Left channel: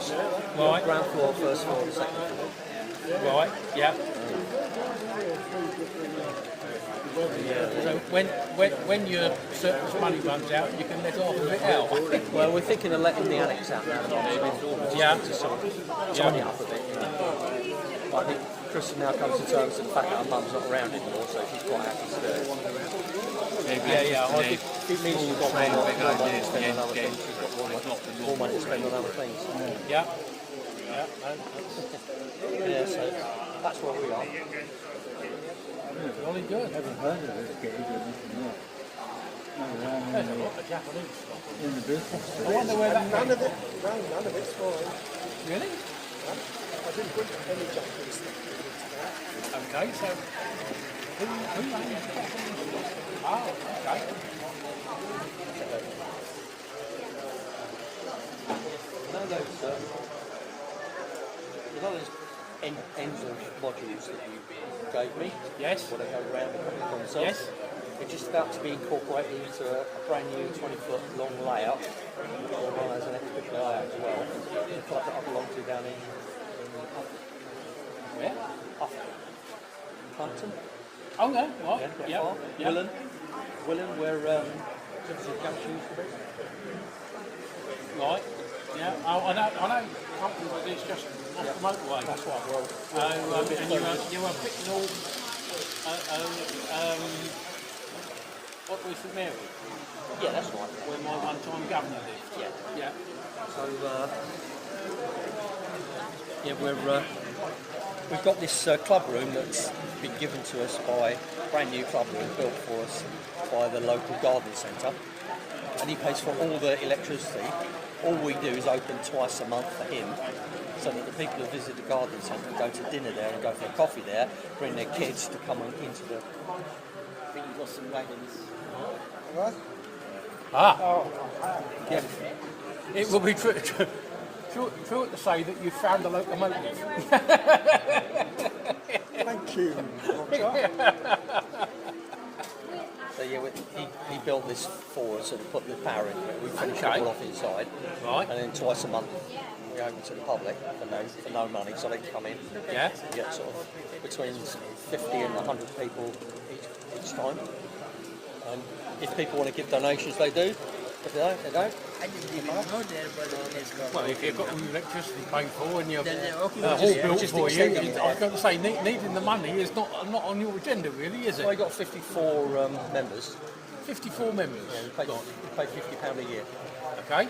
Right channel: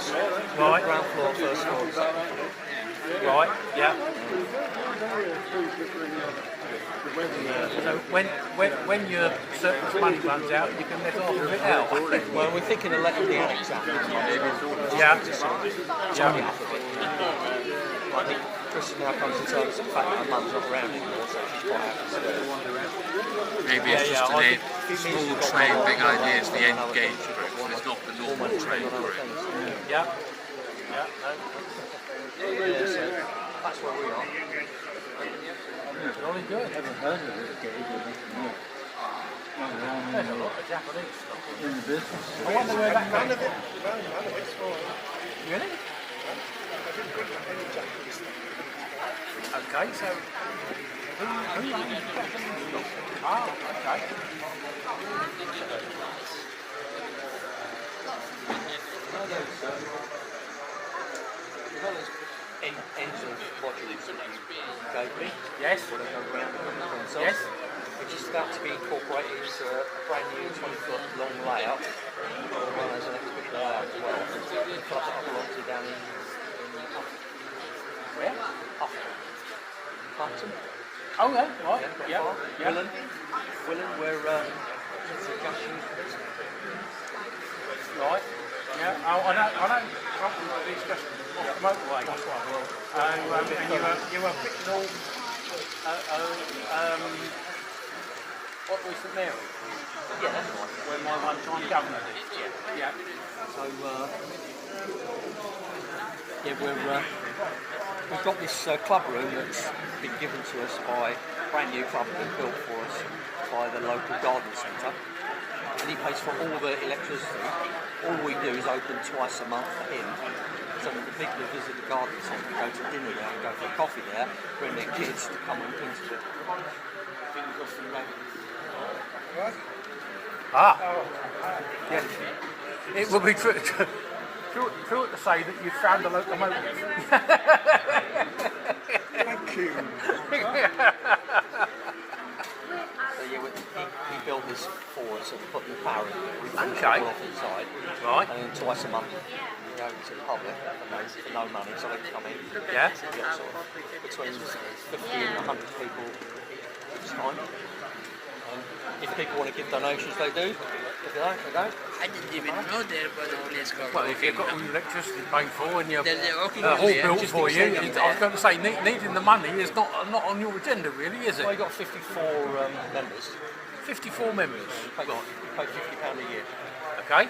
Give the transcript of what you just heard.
flats. Right. Ground floor, first floor, second floor. Right, yeah. So when your surplus money runs out, you can let off and walk out. Well, we're thinking of letting the annex out. Yeah. Yeah. Like Chris now comes to terms with the fact that her mum's not around anymore, so she's quite happy to do it. Maybe it's just small train, big idea is the end game. It's not the normal train for it. Yeah. Yeah, so that's where we are. Jolly good. I haven't heard of it. There's a lot of Japanese stuff In the business. I wonder where that None goes. of it, none of it's fine. Really? I didn't put any Japanese stuff. Okay, so who owns Japanese stuff? Oh, okay. There's those ends of modules that you gave me. Yes. Where they go round the themselves. Yes. We're just about to be incorporated into a brand new 20-foot long layout. The one has an exhibition layout as well. The club that I belong to down in Where? Clapton. Oh, yeah, right. Yeah, not far. Willen, where the junction used to be. Right. Yeah. Oh, I know. Companies like these just off the motorway. That's right. Well, And you were picking all. What was St Mary? yeah, that's right. Where my one-time governor is. Yeah. So, we've got this club room that's been given to us by a brand new club room built for us by the local garden centre, and he pays for all the electricity. All we do is open twice a month for him, so that the people who visit the garden centre go to dinner there and go for coffee there, bring their kids to come into the. Right? Ah. Yeah. It will be true to say that you found the locomotive. Thank you. So yeah, he built this for us and put the power in. We finish Okay. it all off inside, Right. and then twice a month we open to the public for no money, so they can come in. Yeah. We get sort of between 50 and 100 people each time. If people want to give donations, they do. If they don't, they don't. I didn't even know there was a place called Well, if you've got all your electricity paid for and your There's a Oakingham hall Train built Station. for you, I was going to say needing the money is not on your agenda, really, is Well, it? we've got 54 members. 54 members. We pay £50 a year. Okay.